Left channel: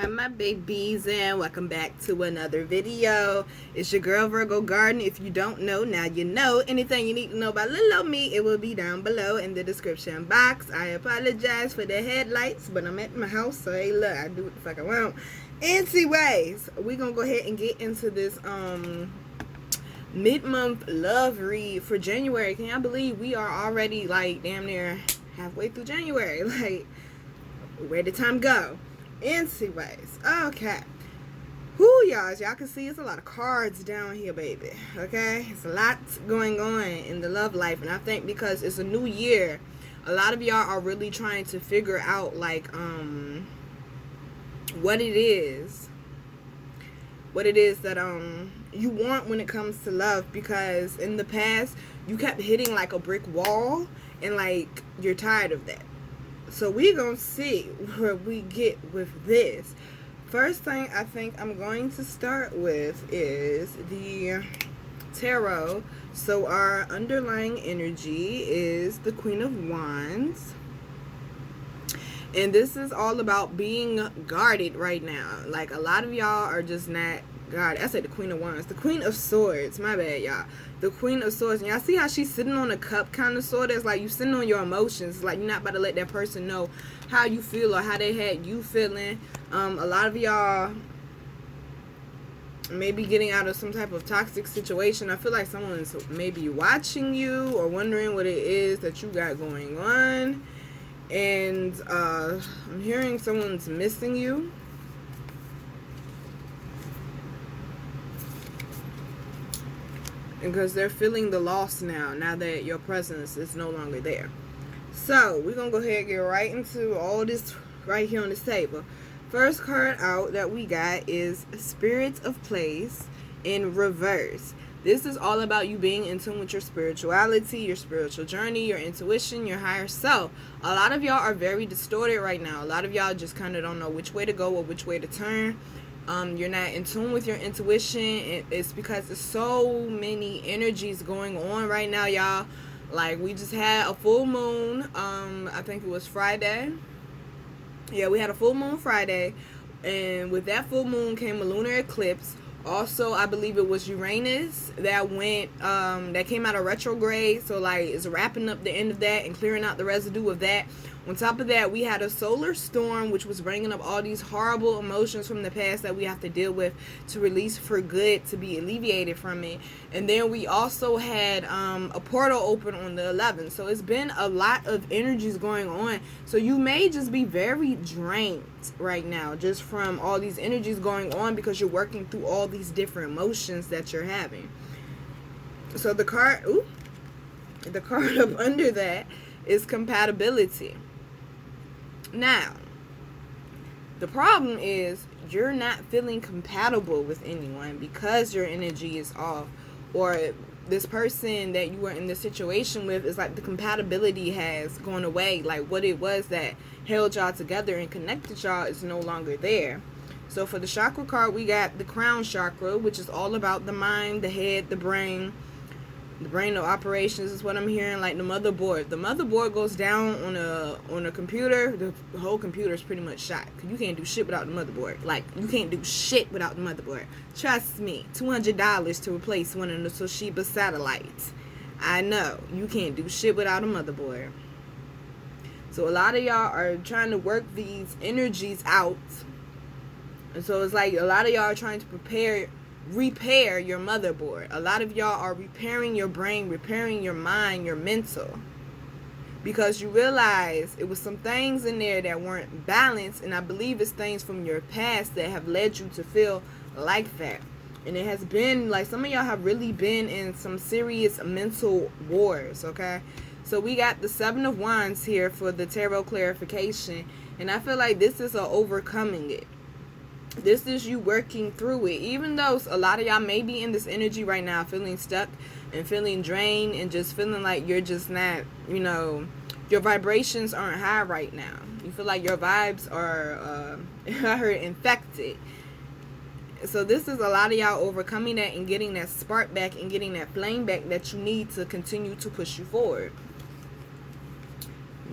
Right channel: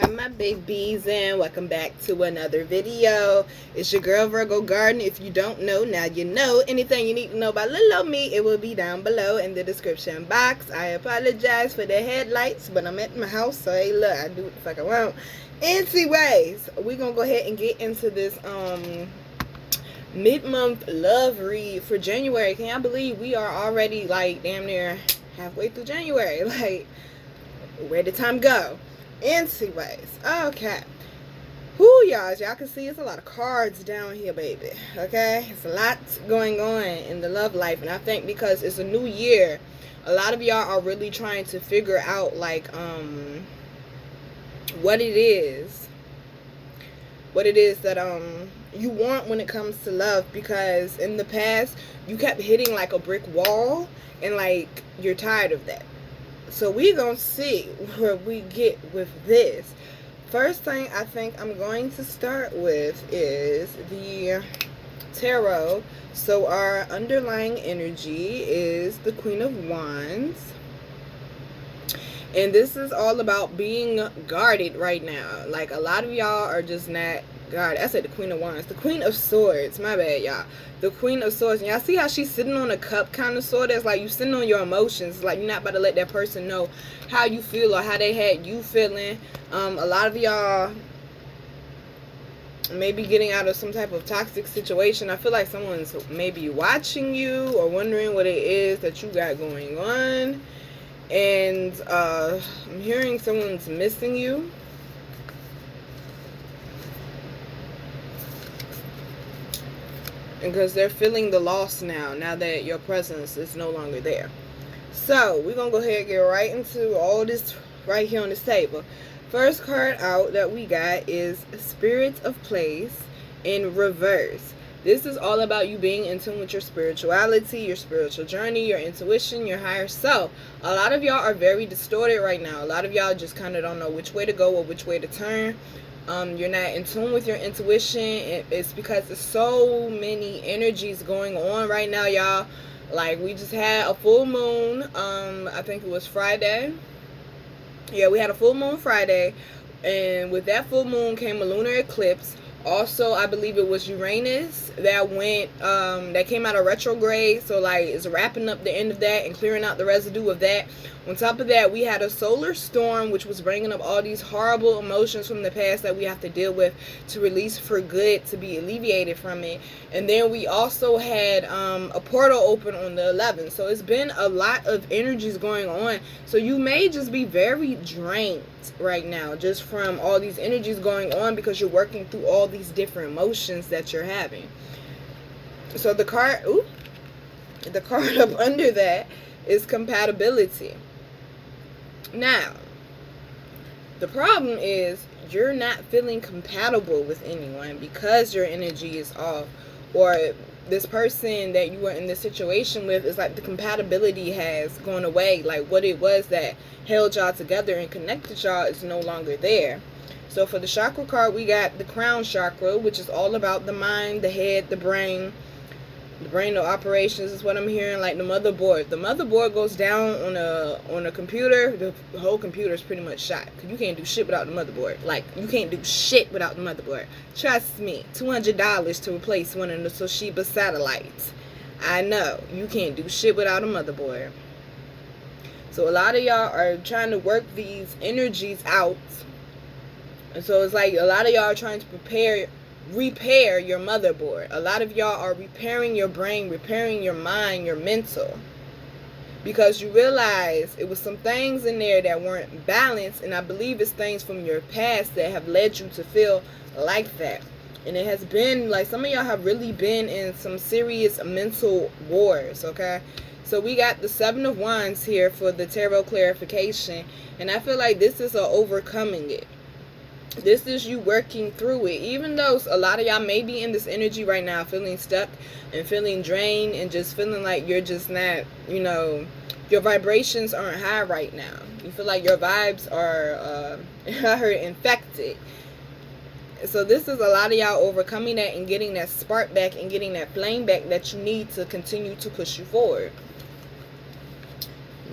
Hi my babies, and welcome back to another video. It's your girl Virgo Garden. If you don't know, now you know. Anything you need to know about little old me, it will be down below in the description box. I apologize for the headlights, but I'm at my house, so hey look, I do what the fuck I want. Anyways, we're gonna go ahead and get into this mid-month love read for January. Can y'all believe we are already like damn near halfway through January? Like, where did time go? Anyways, okay. Whoo, y'all, as y'all can see, it's a lot of cards down here, baby. Okay, it's a lot going on in the love life, and I think because it's a new year, a lot of y'all are really trying to figure out like what it is that you want when it comes to love, because in the past you kept hitting like a brick wall and like you're tired of that. So we're going to see where we get with this. First thing I think I'm going to start with is the tarot. So our underlying energy is the Queen of Wands. And this is all about being guarded right now. Like, a lot of y'all are just not guarded. I said the Queen of Wands. The Queen of Swords. My bad, y'all. The Queen of Swords. And y'all see how she's sitting on a cup kind of sort of? It's like you sitting on your emotions. It's like you're not about to let that person know how you feel or how they had you feeling. A lot of y'all maybe getting out of some type of toxic situation. I feel like someone's maybe watching you or wondering what it is that you got going on. And I'm hearing someone's missing you. Because they're feeling the loss now that your presence is no longer there. So we're going to go ahead and get right into all this right here on this table. First card out that we got is Spirit of Place in reverse. This is all about you being in tune with your spirituality, your spiritual journey, your intuition, your higher self. A lot of y'all are very distorted right now. A lot of y'all just kind of don't know which way to go or which way to turn. You're not in tune with your intuition. It's because there's so many energies going on right now, y'all. Like, we just had a full moon. I think it was Friday. Yeah, we had a full moon Friday. And with that full moon came a lunar eclipse. Also, I believe it was Uranus that went, that came out of retrograde. So, like, it's wrapping up the end of that and clearing out the residue of that. On top of that, we had a solar storm, which was bringing up all these horrible emotions from the past that we have to deal with to release for good, to be alleviated from it. And then we also had a portal open on the 11th. So it's been a lot of energies going on. So you may just be very drained right now just from all these energies going on, because you're working through all these different emotions that you're having. So the card up under that is compatibility. Now, the problem is you're not feeling compatible with anyone because your energy is off, or this person that you are in this situation with is like the compatibility has gone away. Like, what it was that held y'all together and connected y'all is no longer there. So for the chakra card, we got the crown chakra, which is all about the mind, the head, the brain. The brain of operations is what I'm hearing, like the motherboard. The motherboard goes down on a computer. The whole computer is pretty much shot. You can't do shit without the motherboard. Like, you can't do shit without the motherboard. Trust me, $200 to replace one of the Toshiba satellites. I know, you can't do shit without a motherboard. So a lot of y'all are trying to work these energies out. And so it's like a lot of y'all are trying to repair your motherboard. A lot of y'all are repairing your brain, repairing your mind, your mental, because you realize it was some things in there that weren't balanced, and I believe it's things from your past that have led you to feel like that. And it has been like some of y'all have really been in some serious mental wars. Okay, so we got the 7 of Wands here for the tarot clarification, and I feel like this is a overcoming it. This is you working through it. Even though a lot of y'all may be in this energy right now, feeling stuck and feeling drained and just feeling like you're just not, you know, your vibrations aren't high right now. You feel like your vibes are, I heard, infected. So this is a lot of y'all overcoming that and getting that spark back and getting that flame back that you need to continue to push you forward.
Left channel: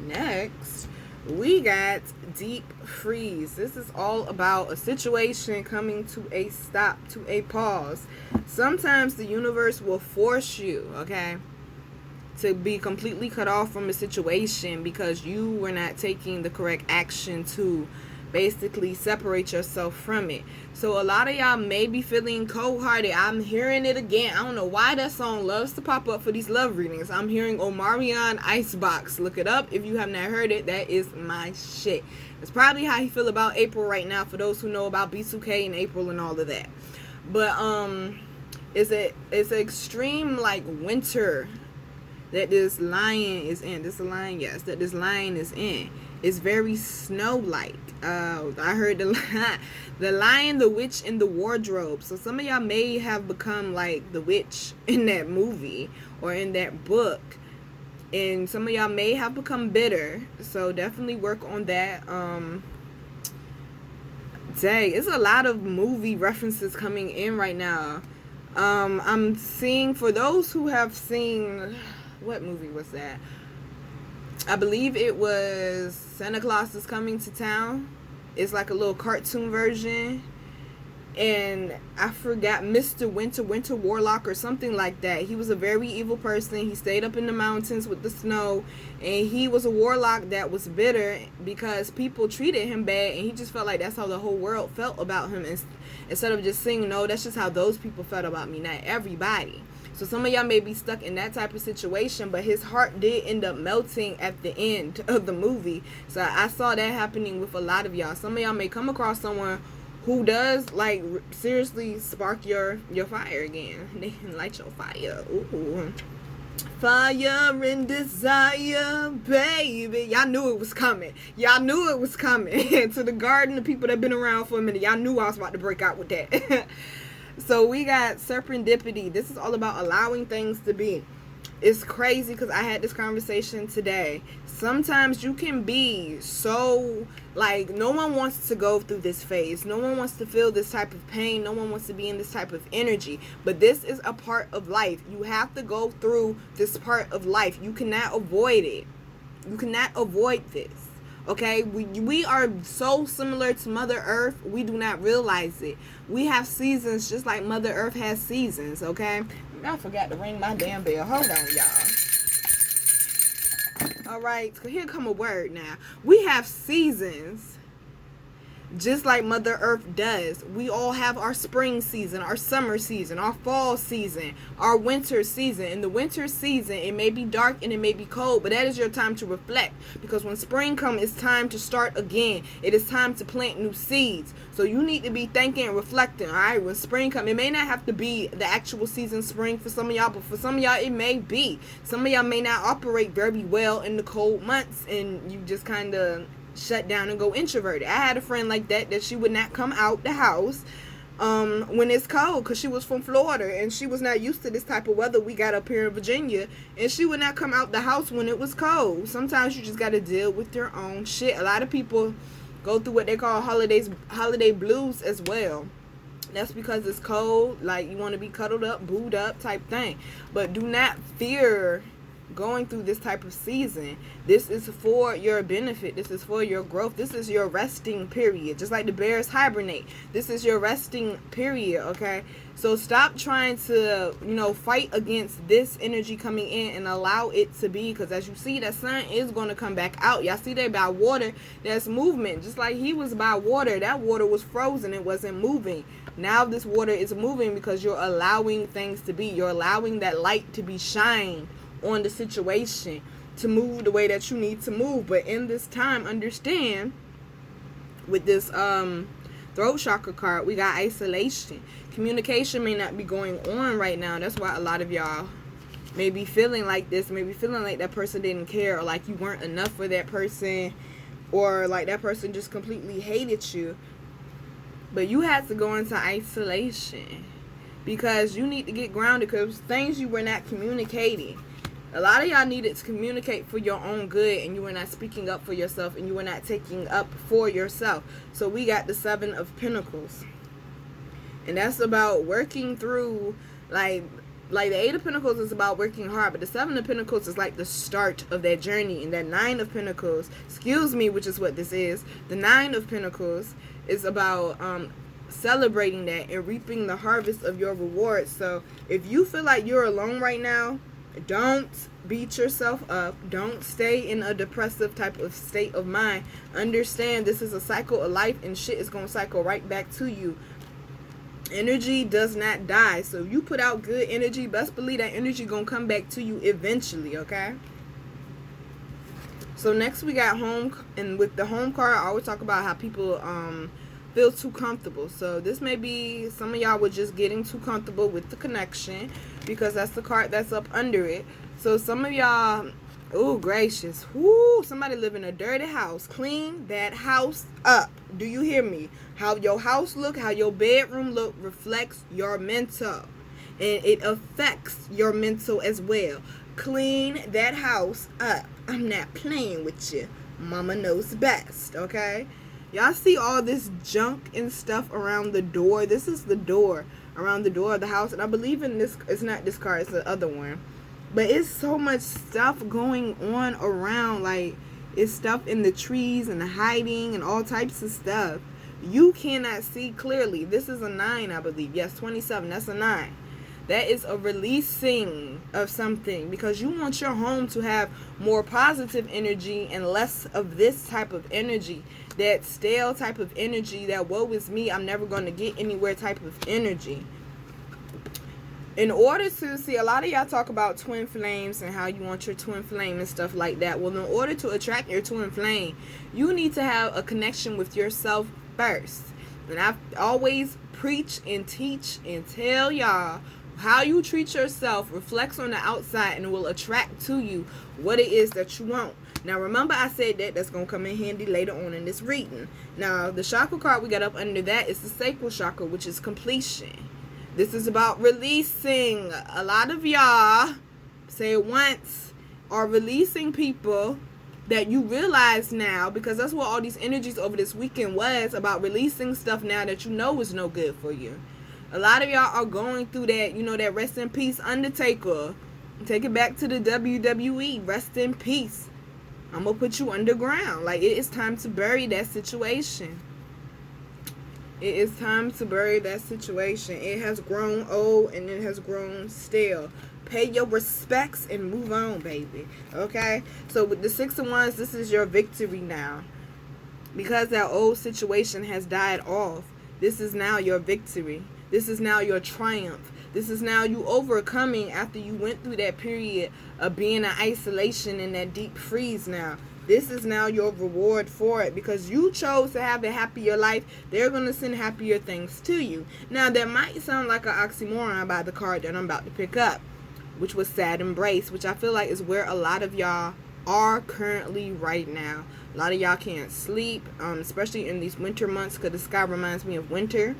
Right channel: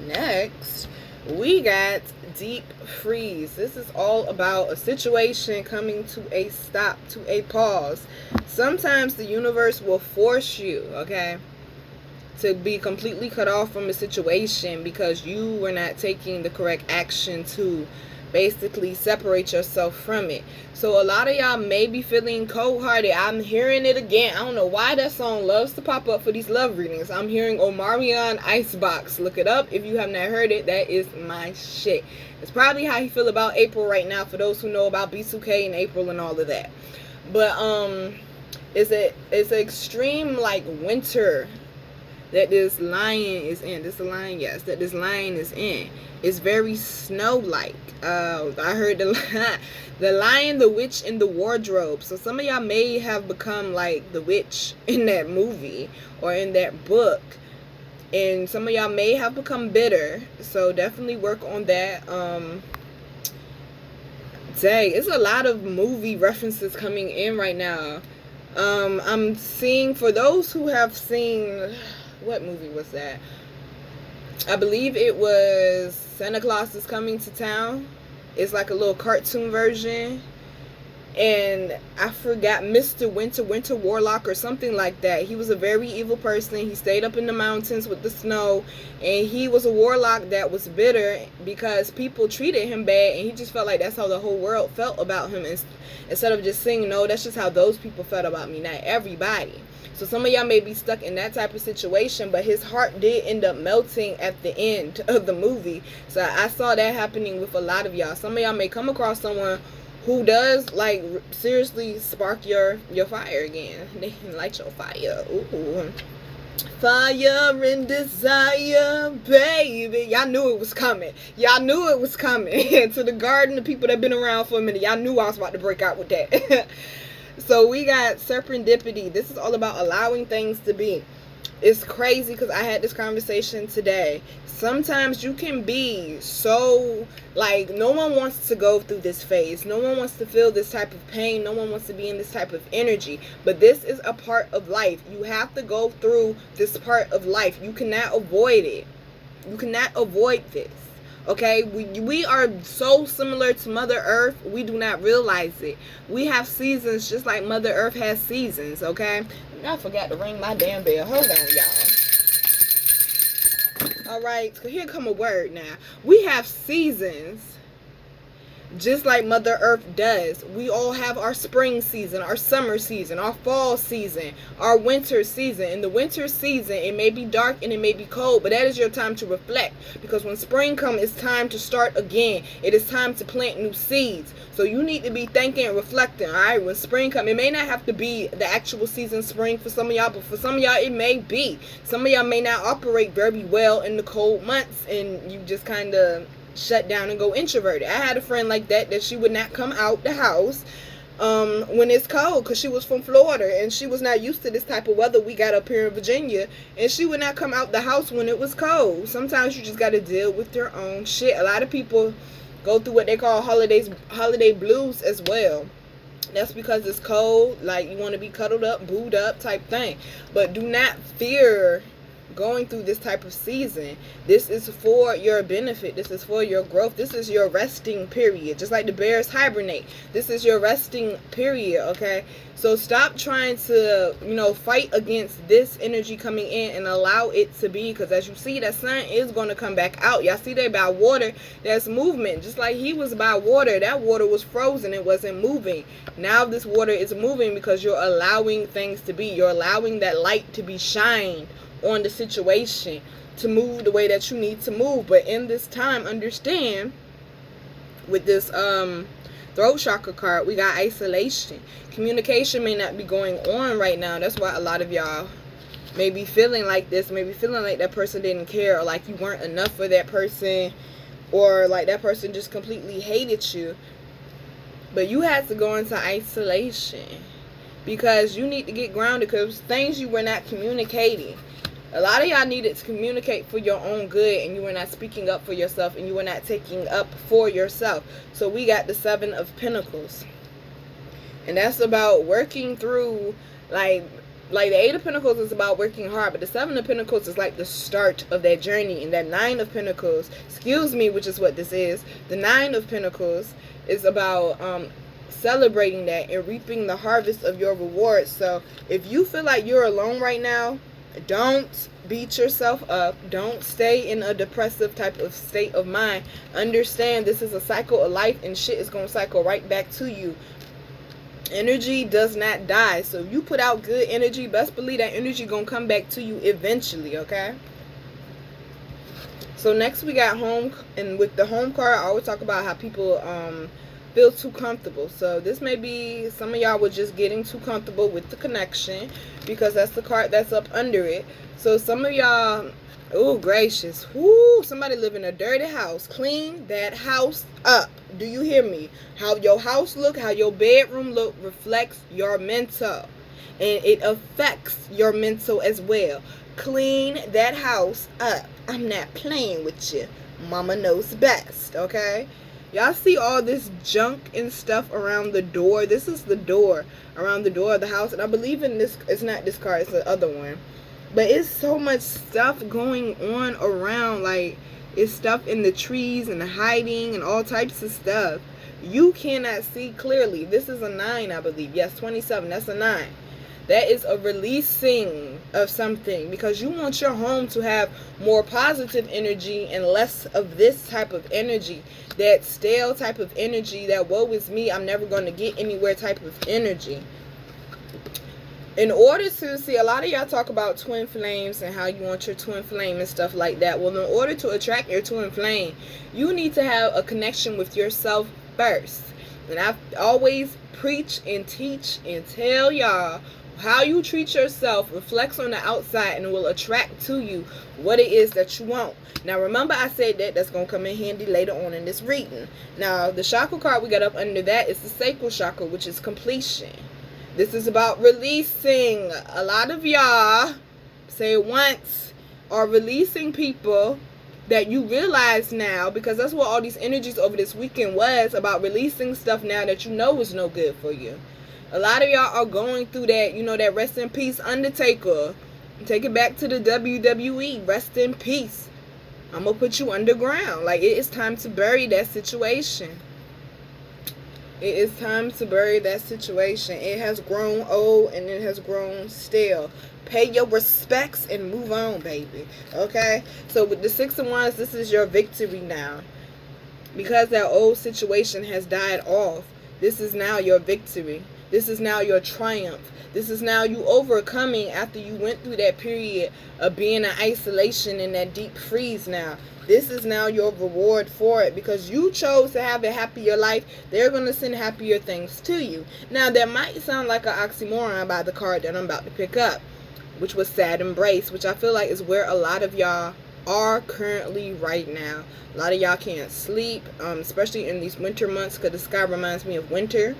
Next, We got deep freeze. This is all about a situation coming to a stop, to a pause. Sometimes the universe will force you, okay, to be completely cut off from a situation because you were not taking the correct action to basically separate yourself from it. So a lot of y'all may be feeling cold-hearted. I'm hearing it again. I don't know why that song loves to pop up for these love readings. I'm hearing Omarion Icebox. Look it up if you have not heard it. That is my shit. It's probably how you feel about April right now, for those who know about B2K and April and all of that. But it's an extreme like winter that this lion is in. This lion, yes, that this lion is in. It's very snow-like. I heard the lion, the witch, and the wardrobe. So some of y'all may have become like the witch in that movie or in that book. And some of y'all may have become bitter. So definitely work on that. Dang, it's a lot of movie references coming in right now. I'm seeing, for those who have seen, what movie was that? I believe it was Santa Claus is Coming to Town. It's like a little cartoon version. And I forgot, Mr. Winter Warlock or something like that. He was a very evil person. He stayed up in the mountains with the snow. And he was a warlock that was bitter because people treated him bad. And he just felt like that's how the whole world felt about him. Instead of just saying, no, that's just how those people felt about me, not everybody. So some of y'all may be stuck in that type of situation, but his heart did end up melting at the end of the movie. So I saw that happening with a lot of y'all. Some of y'all may come across someone who does like seriously spark your fire again. They light your fire. Ooh. Fire and desire, baby. Y'all knew it was coming. Y'all knew it was coming. To the garden, the people that been around for a minute, y'all knew I was about to break out with that. So we got serendipity. This is all about allowing things to be. It's crazy because I had this conversation today. Sometimes you can be so, like, no one wants to go through this phase. No one wants to feel this type of pain. No one wants to be in this type of energy. But this is a part of life. You have to go through this part of life. You cannot avoid it. You cannot avoid this. Okay, we are so similar to Mother Earth, we do not realize it. We have seasons just like Mother Earth has seasons, okay? I forgot to ring my damn bell. Hold on, y'all. Alright, so here come a word now. We have seasons just like Mother Earth does. We all have our spring season, our summer season, our fall season, our winter season. In the winter season, it may be dark and it may be cold, but that is your time to reflect. Because when spring comes, it's time to start again. It is time to plant new seeds. So you need to be thinking and reflecting, all right? When spring comes, it may not have to be the actual season spring for some of y'all, but for some of y'all, it may be. Some of y'all may not operate very well in the cold months, and you just kind of shut down and go introverted. I had a friend like that she would not come out the house when it's cold, because she was from Florida and she was not used to this type of weather we got up here in Virginia, and she would not come out the house when it was cold. Sometimes you just got to deal with your own shit. A lot of people go through what they call holiday blues as well. That's because it's cold, like you want to be cuddled up, booed up type thing. But do not fear going through this type of season. This is for your benefit. This is for your growth. This is your resting period. Just like the bears hibernate, this is your resting period, okay? So stop trying to, fight against this energy coming in and allow it to be, because as you see, that sun is going to come back out. Y'all see that by water, there's movement. Just like he was by water, that water was frozen, it wasn't moving. Now this water is moving because you're allowing things to be. You're allowing that light to be shined on the situation, to move the way that you need to move. But in this time, understand, with this throat chakra card, we got isolation. Communication may not be going on right now. That's why a lot of y'all may be feeling like this, maybe feeling like that person didn't care, or like you weren't enough for that person, or like that person just completely hated you. But you had to go into isolation because you need to get grounded, because things you were not communicating. A lot of y'all needed to communicate for your own good, and you were not speaking up for yourself, and you were not taking up for yourself. So we got the 7 of Pentacles. And that's about working through, like, Like, the Eight of Pentacles is about working hard, but the Seven of Pentacles is like the start of that journey. And that Nine of Pentacles, excuse me, which is what this is, the Nine of Pentacles is about celebrating that and reaping the harvest of your rewards. So if you feel like you're alone right now, don't beat yourself up. Don't stay in a depressive type of state of mind. Understand this is a cycle of life, and shit is going to cycle right back to you. Energy does not die. So you put out good energy, best believe that energy going to come back to you eventually, okay? So next we got home, and with the home card, I always talk about how people feel too comfortable. So this may be, some of y'all were just getting too comfortable with the connection, because that's the card that's up under it. So some of y'all, oh gracious, whoo, somebody live in a dirty house. Clean that house up. Do you hear me? How your house look, how your bedroom look reflects your mental, and it affects your mental as well. Clean that house up. I'm not playing with you. Mama knows best, okay? Y'all see all this junk and stuff around the door? This is the door, around the door of the house. And I believe in this, it's not this card, it's the other one. But it's so much stuff going on around. Like, it's stuff in the trees and hiding and all types of stuff. You cannot see clearly. This is a 9, I believe. Yes, 27, that's a 9. That is a releasing of something, because you want your home to have more positive energy and less of this type of energy, that stale type of energy, that woe is me, I'm never going to get anywhere type of energy. In order to see, a lot of y'all talk about twin flames and how you want your twin flame and stuff like that. Well, in order to attract your twin flame, you need to have a connection with yourself first. And I always preach and teach and tell y'all, how you treat yourself reflects on the outside and will attract to you what it is that you want. Now, remember I said that that's going to come in handy later on in this reading. Now, the chakra card we got up under that is the sacral chakra, which is completion. This is about releasing. A lot of y'all, say it once, are releasing people that you realize now, because that's what all these energies over this weekend was about, releasing stuff now that you know is no good for you. A lot of y'all are going through that, you know, that rest in peace Undertaker. Take it back to the WWE. Rest in peace. I'm going to put you underground. Like, it is time to bury that situation. It is time to bury that situation. It has grown old and it has grown stale. Pay your respects and move on, baby. Okay? So with the 6 of Wands, this is your victory now. Because that old situation has died off, this is now your victory. This is now your triumph. This is now you overcoming after you went through that period of being in isolation and that deep freeze now. This is now your reward for it, because you chose to have a happier life. They're going to send happier things to you. Now, that might sound like an oxymoron by the card that I'm about to pick up, which was Sad Embrace, which I feel like is where a lot of y'all are currently right now. A lot of y'all can't sleep, especially in these winter months, because the sky reminds me of winter.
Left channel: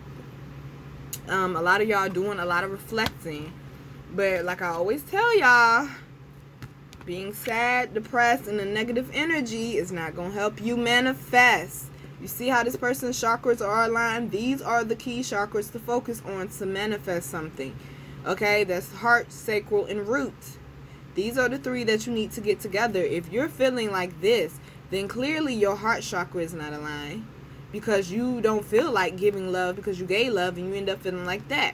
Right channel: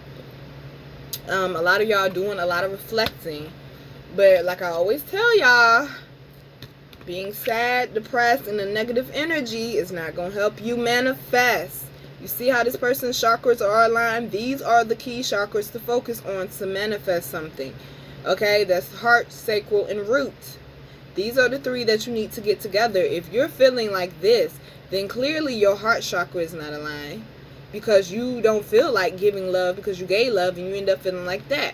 A lot of y'all doing a lot of reflecting. But like I always tell y'all, being sad, depressed, and a negative energy is not going to help you manifest. You see how this person's chakras are aligned? These are the key chakras to focus on to manifest something. Okay, that's heart, sacral, and root. These are the 3 that you need to get together. If you're feeling like this, then clearly your heart chakra is not aligned, because you don't feel like giving love because you gave love and you end up feeling like that.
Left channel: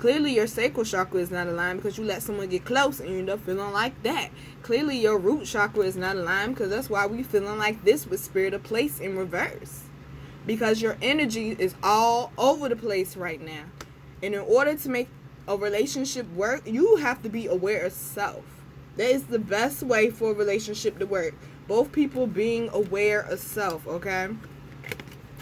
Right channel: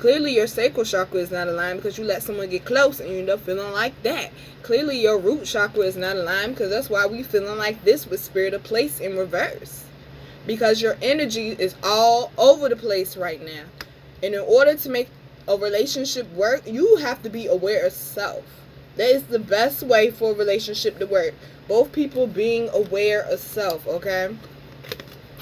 Clearly your sacral chakra is not aligned because you let someone get close and you end up feeling like that. Clearly your root chakra is not aligned, because that's why we feeling like this with Spirit of Place in reverse. Because your energy is all over the place right now. And in order to make a relationship work, you have to be aware of self. That is the best way for a relationship to work. Both people being aware of self, okay?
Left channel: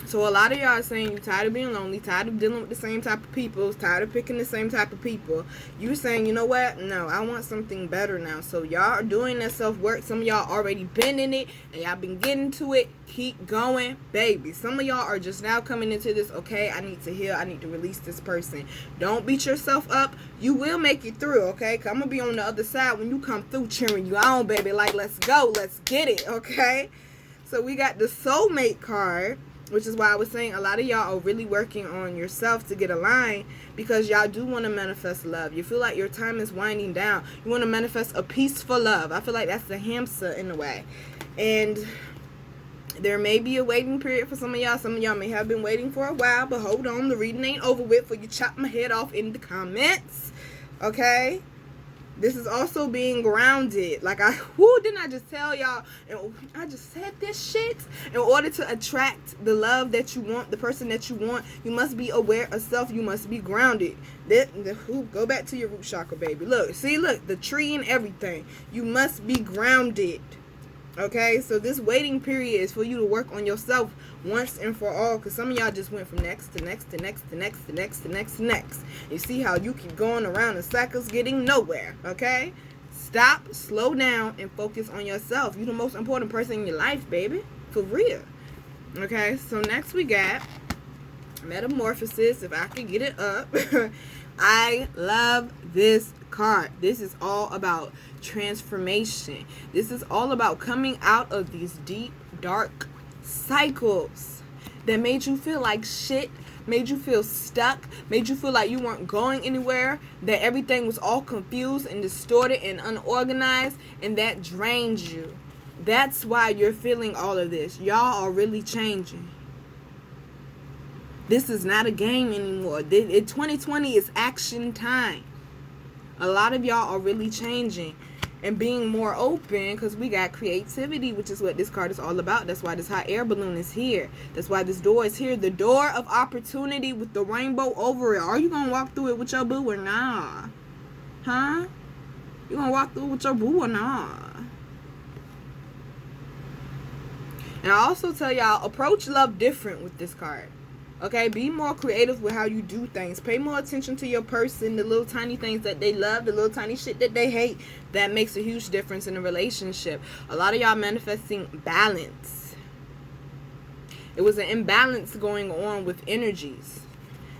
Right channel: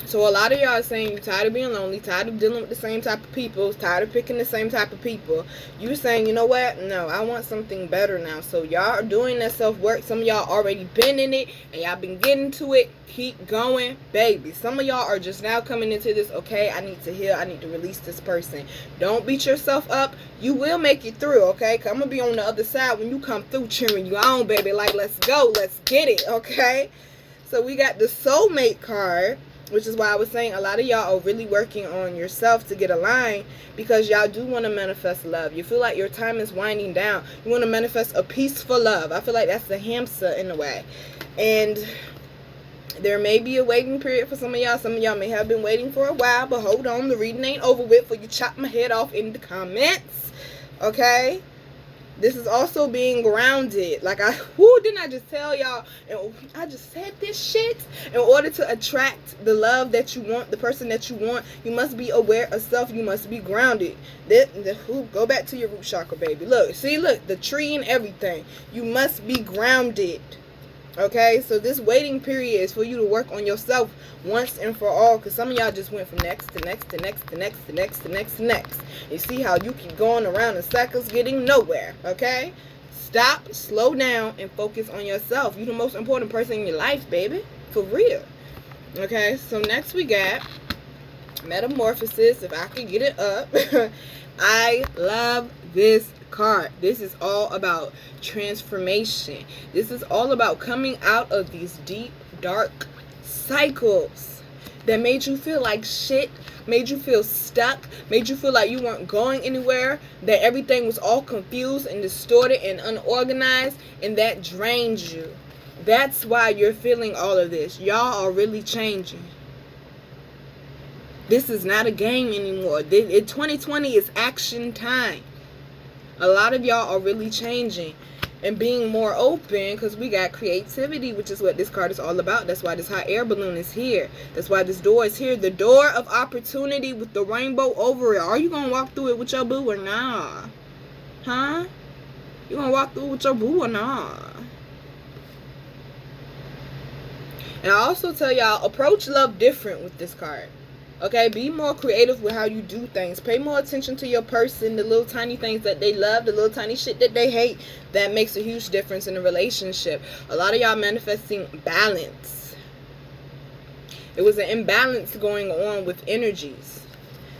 So a lot of y'all are saying you're tired of being lonely, tired of dealing with the same type of people, tired of picking the same type of people. You're saying, you know what? No, I want something better now. So y'all are doing that self-work. Some of y'all already been in it and y'all been getting to it. Keep going, baby. Some of y'all are just now coming into this, okay, I need to heal. I need to release this person. Don't beat yourself up. You will make it through, okay? 'Cause I'm going to be on the other side when you come through, cheering you on, baby. Like, let's go. Let's get it, okay? So we got the Soulmate card. which is why I was saying a lot of y'all are really working on yourself to get aligned, because y'all do want to manifest love. You feel like your time is winding down. You want to manifest a peaceful love. I feel like that's the hamster in a way. And there may be a waiting period for some of y'all. Some of y'all may have been waiting for a while, but hold on, the reading ain't over with for you chop my head off in the comments. Okay? This is also being grounded. Like, didn't I just tell y'all? I just said this shit. In order to attract the love that you want, the person that you want, you must be aware of self. You must be grounded. Go back to your root chakra, baby. Look, the tree and everything. You must be grounded. Okay, so this waiting period is for you to work on yourself once and for all, because some of y'all just went from next to next to next to next to next to next to next. You see how you keep going around in circles getting nowhere. Okay, stop, slow down, and focus on yourself. You're the most important person in your life, baby, for real. Okay, so next we got Metamorphosis. If I could get it up. I love this card. This is all about transformation. This is all about coming out of these deep, dark cycles that made you feel like shit, made you feel stuck, made you feel like you weren't going anywhere, that everything was all confused and distorted and unorganized, and that drained you. That's why you're feeling all of this. Y'all are really changing. This is not a game anymore. 2020 is action time. A lot of y'all are really changing and being more open, because we got creativity, which is what this card is all about. That's why this hot air balloon is here. That's why this door is here. The door of opportunity with the rainbow over it. Are you going to walk through it with your boo or nah? Huh? You going to walk through it with your boo or nah? And I also tell y'all, approach love different with this card. Okay, be more creative with how you do things. Pay more attention to your person, the little tiny things that they love, the little tiny shit that they hate. That makes a huge difference in a relationship. A lot of y'all manifesting balance. It was an imbalance going on with energies.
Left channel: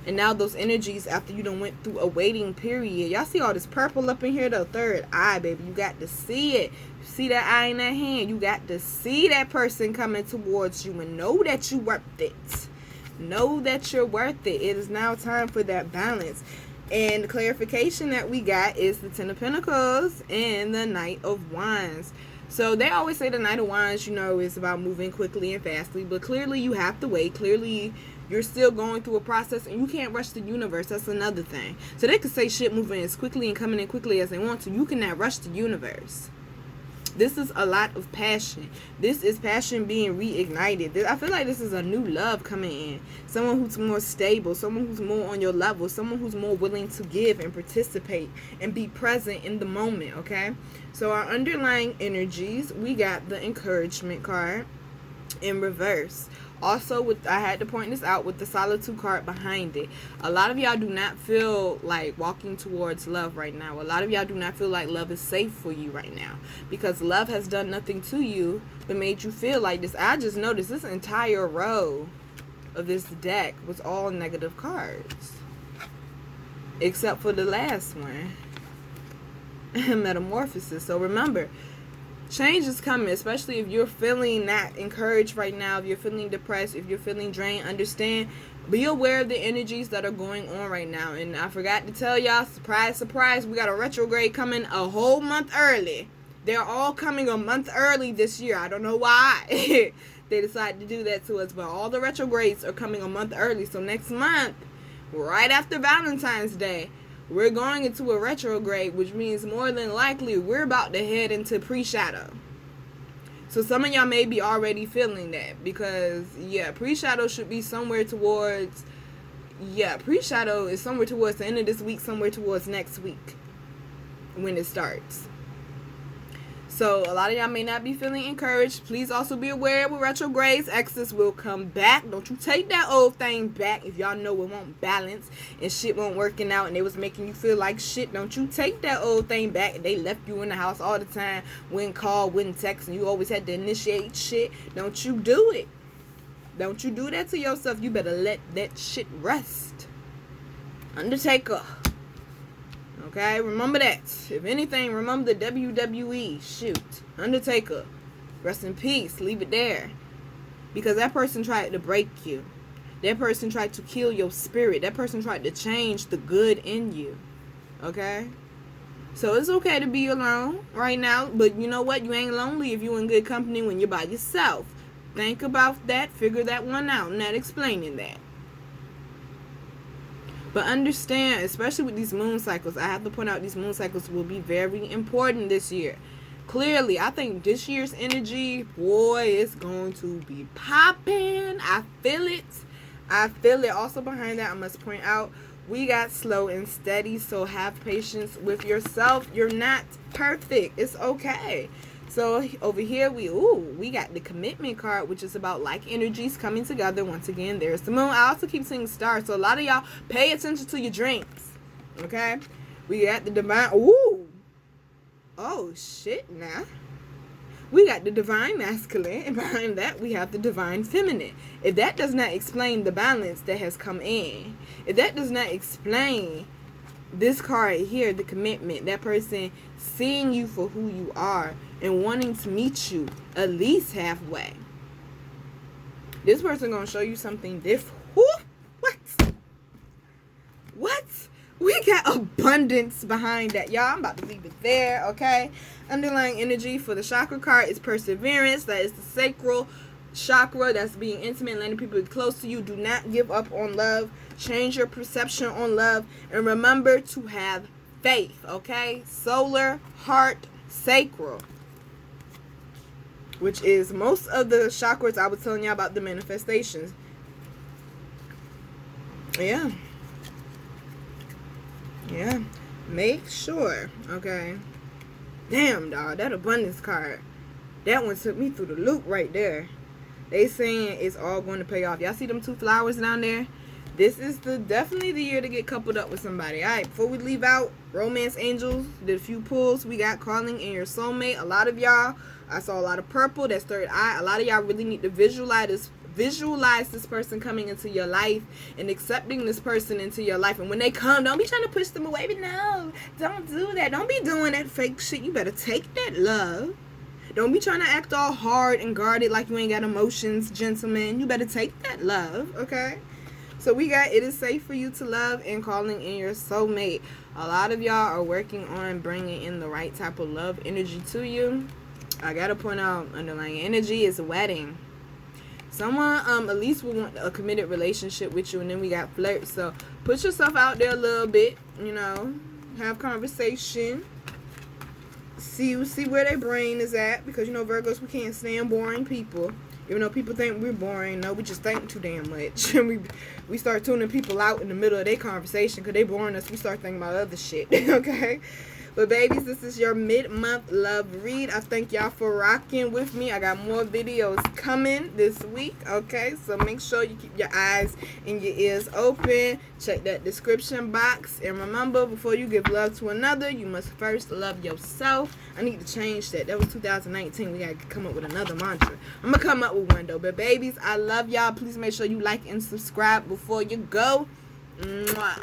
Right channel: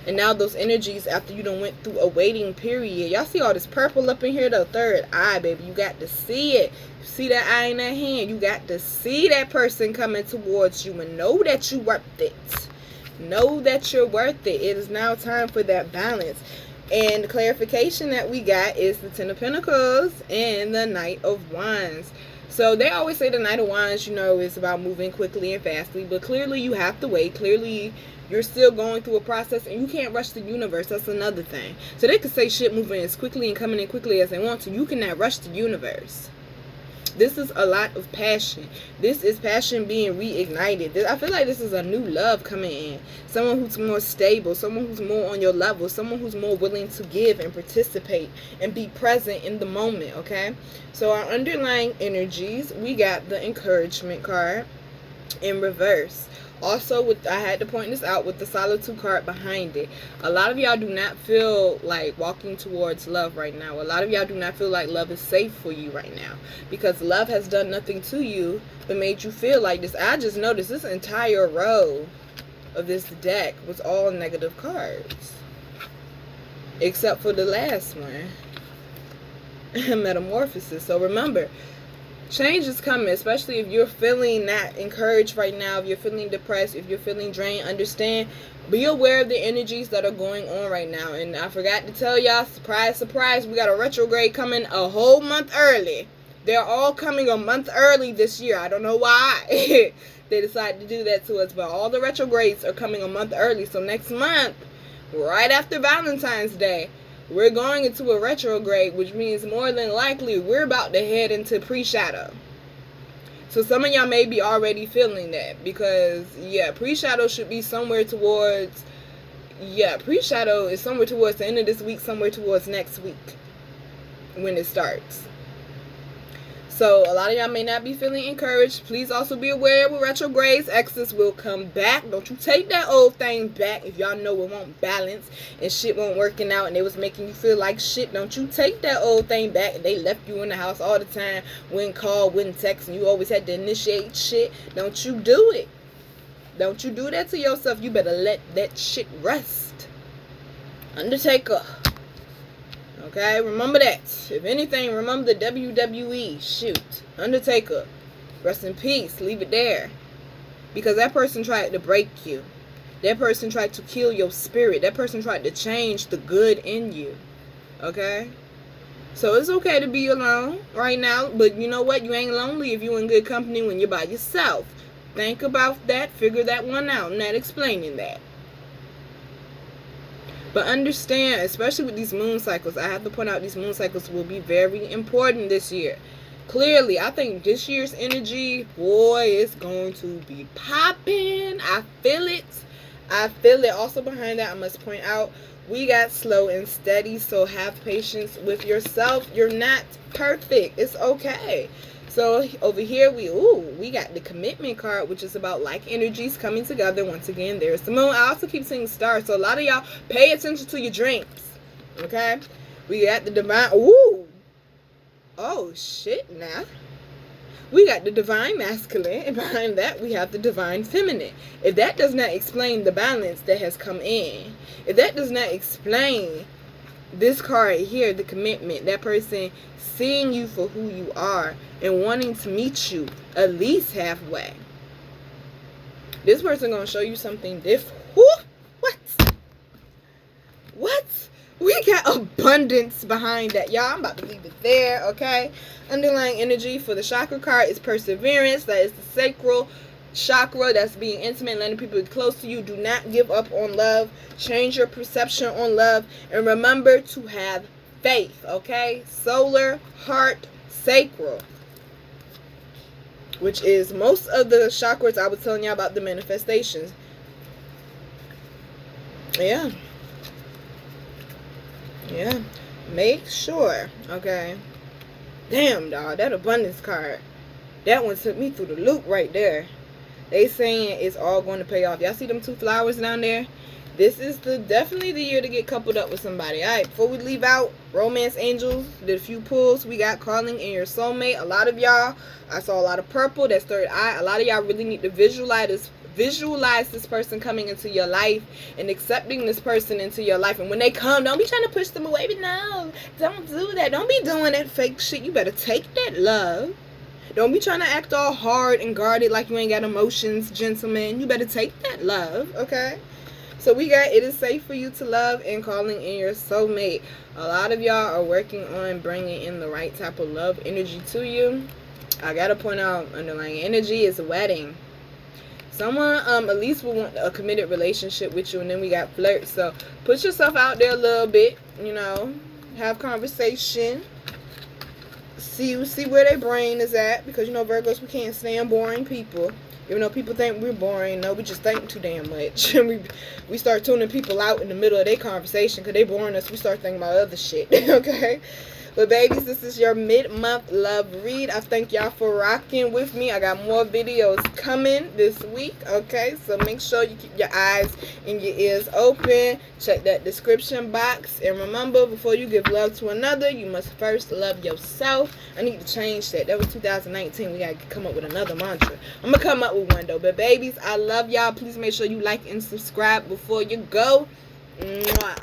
And now those energies, after you done went through a waiting period. Y'all see all this purple up in here? The third eye, baby. You got to see it. See that eye in that hand? You got to see that person coming towards you and know that you worth it. Know that you're worth it. It is now time for that balance. And the clarification that we got is the Ten of Pentacles and the Knight of Wands. So they always say the Knight of Wands, is about moving quickly and fastly. But clearly you have to wait. Clearly you're still going through a process, and you can't rush the universe. That's another thing. So they could say shit moving as quickly and coming in quickly as they want to. You cannot rush the universe. This is a lot of passion. This is passion being reignited. I feel like this is a new love coming in. Someone who's more stable. Someone who's more on your level. Someone who's more willing to give and participate and be present in the moment, okay? So our underlying energies, we got the encouragement card in reverse. Also, I had to point this out with the Solitude card behind it. A lot of y'all do not feel like walking towards love right now. A lot of y'all do not feel like love is safe for you right now, because love has done nothing to you but made you feel like this. I just noticed this entire row of this deck was all negative cards, except for the last one, Metamorphosis. So remember, change is coming, especially if you're feeling not encouraged right now, if you're feeling depressed, if you're feeling drained. Understand, be aware of the energies that are going on right now. And I forgot to tell y'all, surprise, surprise, we got a retrograde coming a whole month early. They're all coming a month early this year. I don't know why they decided to do that to us, but all the retrogrades are coming a month early. So next month, right after Valentine's Day, we're going into a retrograde, which means more than likely we're about to head into pre-shadow. So some of y'all may be already feeling that, because, pre-shadow should be somewhere towards, pre-shadow is somewhere towards the end of this week, somewhere towards next week when it starts. So a lot of y'all may not be feeling encouraged. Please also be aware with retrogrades, exes will come back. Don't you take that old thing back. If y'all know it won't balance and shit won't working out and it was making you feel like shit, don't you take that old thing back. And they left you in the house all the time, wouldn't call, wouldn't text, and you always had to initiate shit. Don't you do it. Don't you do that to yourself. You better let that shit rest. Undertaker. Okay, remember that. If anything, remember the WWE. Shoot. Undertaker. Rest in peace. Leave it there. because that person tried to break you. That person tried to kill your spirit. That person tried to change the good in you. Okay? So it's okay to be alone right now. But you know what? You ain't lonely if you're in good company when you're by yourself. Think about that. Figure that one out. I'm not explaining that. But understand, especially with these moon cycles, I have to point out these moon cycles will be very important this year. Clearly, I think this year's energy, boy, it's going to be popping. I feel it. I feel it. Also behind that, I must point out, we got slow and steady, so have patience with yourself. You're not perfect. It's okay. So over here, we got the commitment card, which is about like energies coming together. Once again, there's the moon. I also keep seeing stars, so a lot of y'all pay attention to your dreams. Okay? We got the divine. Ooh. Oh, shit, now. We got the divine masculine, and behind that, we have the divine feminine. If that does not explain the balance that has come in, if that does not explain this card here, the commitment, that person seeing you for who you are and wanting to meet you at least halfway, this person gonna show you something different. What? We got abundance behind that, y'all. I'm about to leave it there, okay? Underlying energy for the chakra card is perseverance. That is the sacral chakra. That's being intimate, letting people be close to you. Do not give up on love. Change your perception on love. And remember to have faith, okay? Solar, heart, sacral, which is most of the chakras I was telling y'all about, the manifestations. Yeah. Yeah, make sure, okay? Damn, dog, that abundance card, that one took me through the loop right there. They saying it's all going to pay off. Y'all see them 2 flowers down there? This is definitely the year to get coupled up with somebody. All right, before we leave out, romance angels, did a few pulls. We got calling in your soulmate. A lot of y'all, I saw a lot of purple, that's third eye. A lot of y'all really need to visualize this person coming into your life and accepting this person into your life. And when they come, don't be trying to push them away. But no, don't do that. Don't be doing that fake shit. You better take that love. Don't be trying to act all hard and guarded like you ain't got emotions, gentlemen. You better take that love, okay? So we got, it is safe for you to love and calling in your soulmate. A lot of y'all are working on bringing in the right type of love energy to you. I gotta point out, underlying energy is a wedding. Someone at least will want a committed relationship with you. And then we got flirt. So put yourself out there a little bit, you know, have conversation, see where their brain is at, because you know Virgos, we can't stand boring people. Even though people think we're boring, no, we just think too damn much. And we start tuning people out in the middle of their conversation because they boring us. We start thinking about other shit. Okay? But babies, this is your mid-month love read. I thank y'all for rocking with me. I got more videos coming this week, okay? So make sure you keep your eyes and your ears open. Check that description box. And remember, before you give love to another, you must first love yourself. I need to change that. That was 2019. We got to come up with another mantra. I'm going to come up with one, though. But babies, I love y'all. Please make sure you like and subscribe before you go. Mwah.